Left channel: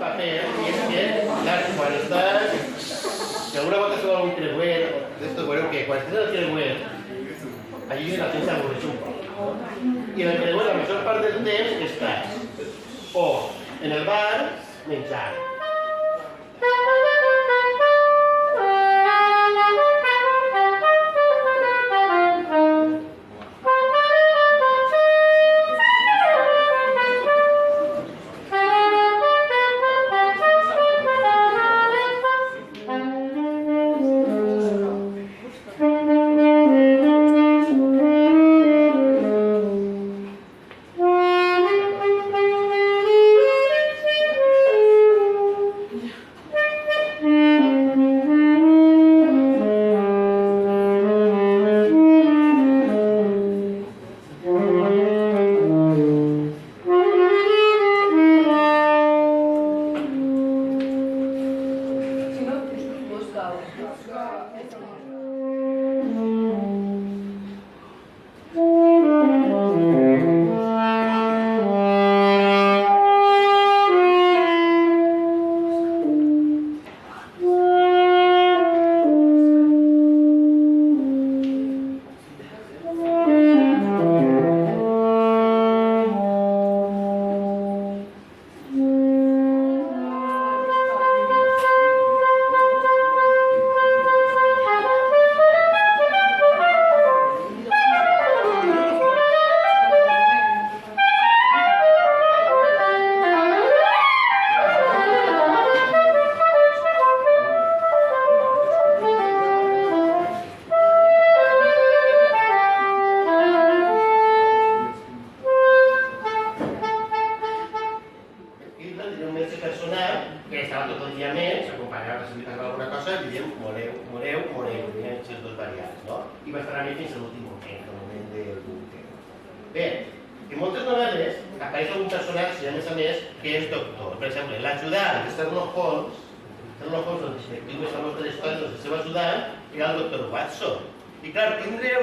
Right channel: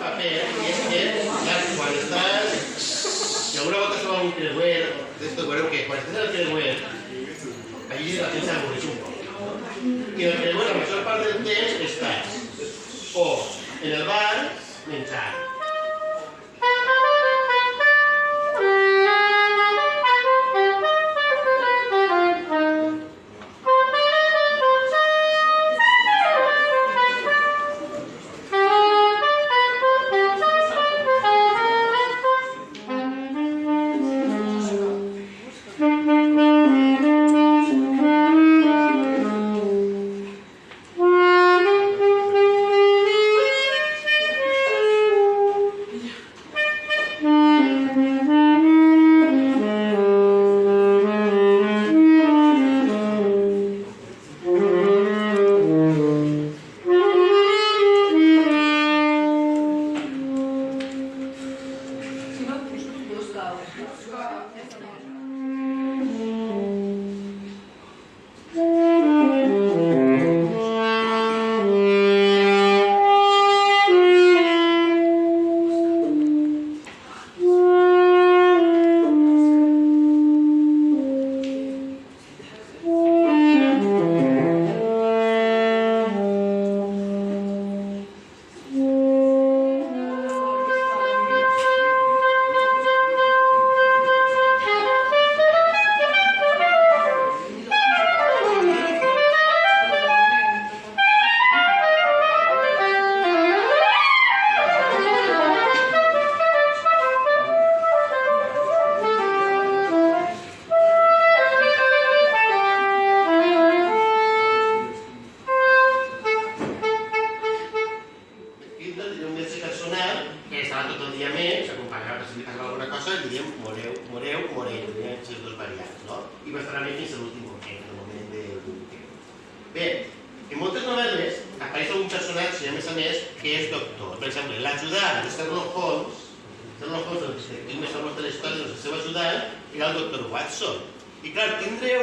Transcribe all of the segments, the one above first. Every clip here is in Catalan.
paper, i és que, clar, quan estàs... Si alguna volta es troba un creuer, d'esto veureu que quan estàs al creuer, allí la tens avorreix un poc. I en el creuer, la major part del temps, estàs o en el bar, menjant. Bé, en moltes novel·les apareix un personatge, a més, que és doctor. Per exemple, l'ajudant de Sherlock Holmes, el detectiu més famós de la història, el seu ajudant, era el doctor Watson. I clar, tindre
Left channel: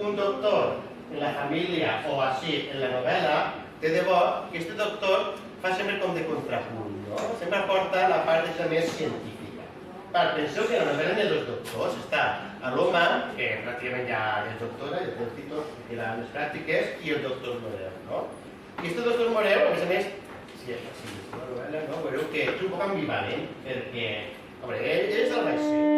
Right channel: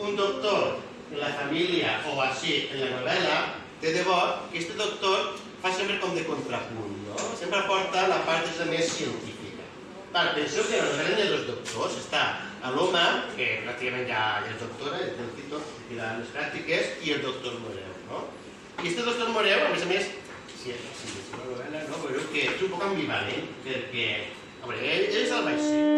un doctor en la família o així en la novel·la, de debò que aquest doctor fa sempre com de contrapunt, no? Sempre aporta la part més científica. Penseu que la novel·la de dos doctors està l'home, que pràcticament ja és doctora, és el títol de les pràctiques, i el doctor Moreu, no? I aquest doctor Moreu, a més, si és una novel·la, veureu que és un poc ambivalent, perquè, ell és el vaixell.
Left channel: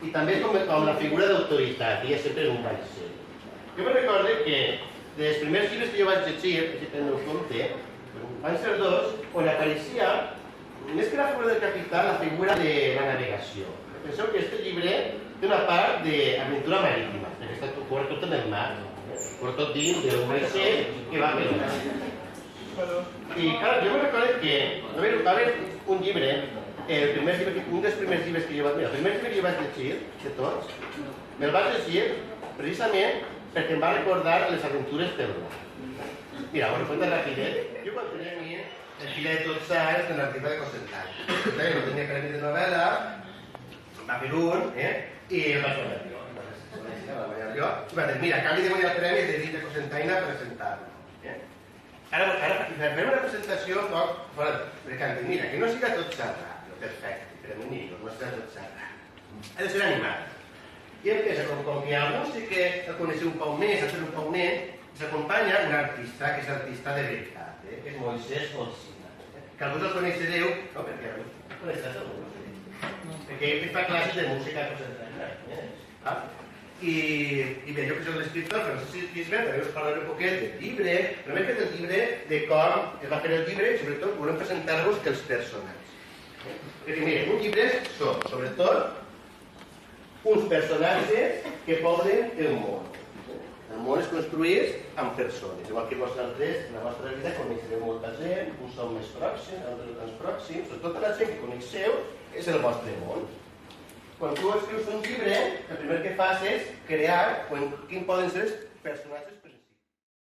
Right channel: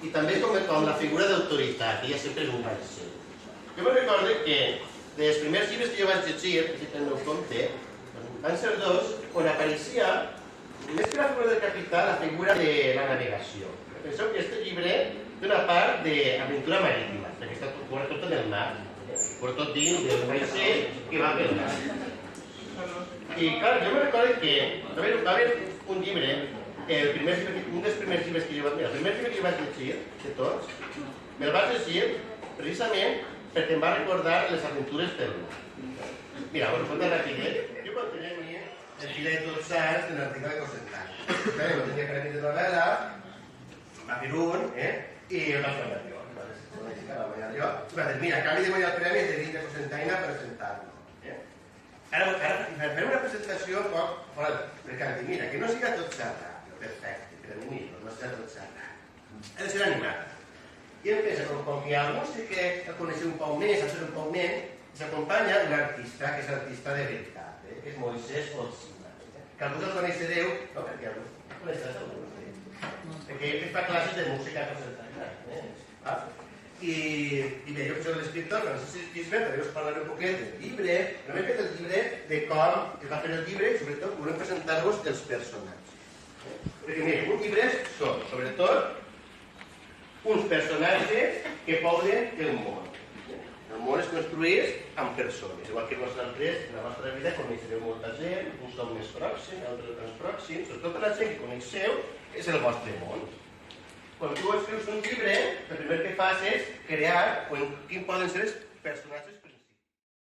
I també com la figura d'autoritat, ella sempre és un vaixell. Jo me recordo que dels primers llibres que jo vaig llegir, si teniu en compte, van ser dos, on apareixia, més que la figura del capità, la figura de la navegació. Penseu que aquest llibre té una part d'aventura marítima, perquè està cobert tot en el mar, cobert tot dins d'un vaixell que va pel mar. I clar, jo me recordo que va haver un llibre, un dels primers llibres que jo vaig llegir, el primer llibre que jo vaig llegir, de tots, me'l vaig llegir precisament perquè em va recordar les aventures pel mar. Mira, bueno, conta rapidet. Jo quan tenia el fill de 12 anys en l'article de Cosentany. No tenia premi de novel·la, va fer un, i el vaig guanyar jo. I va dir, mira, a canvi de guanyar el premi he de dir de Cosentany a presentar-lo. Ara farem una presentació un poc fora de... Perquè em dic, mira, que no siga tot xerrat, perfecte, per a mi millor, no siga tot xerrat. Ha de ser animat. I em pensa, com que algú sí que el coneixeu un poc més, el fer un poc més, s'acompanya un artista, que és l'artista de veritat, que és Moisès Olsina. Que alguns el coneixereu, no, perquè alguns el coneixeràs alguns, perquè ell fa classes de música a Cosentany. I bé, jo que soc l'escriptor, Francesc Gisbert, també us parlaré un poquet del llibre, però m'he fet el llibre de com es va fer el llibre i sobretot volem presentar-vos els personatges. Perquè mira, uns llibres són, sobretot, uns personatges que poblen el món. El món es construeix amb persones, igual que vosaltres, en la vostra vida coneixereu molta gent, uns són més pròxims, altres més pròxims, tota la gent que coneixeu és el vostre món. Quan tu escrius un llibre, el primer que fas és crear quin poden ser els personatges